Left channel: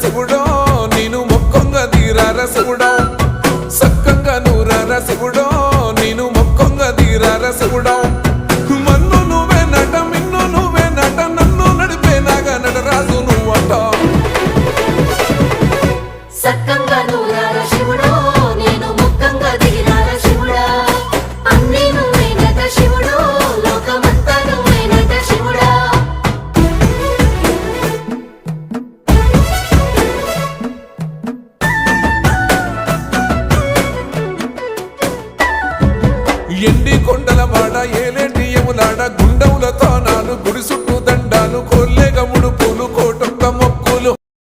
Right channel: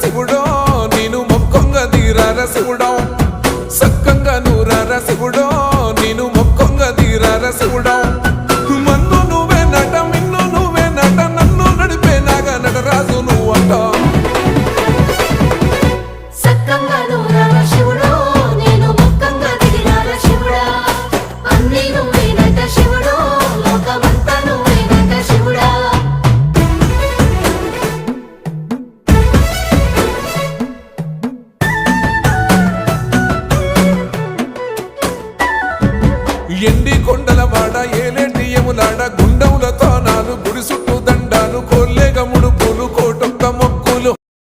శివుడో నేను మొక్కంగా తీరార శివుడో సక్కంగా నూరార శివుడో నేను మొక్కంగా తీరార శివుడో మన్ను నువ్వే నట మిన్ను నువ్వే నట నన్ను నడిపే నాగా నటరాజు నువ్వంట ఎండి కొండల వాడ ఏలేటి యములాడ గుండముల తానాలు గుడి చుట్టూ దండాలు కోల్లే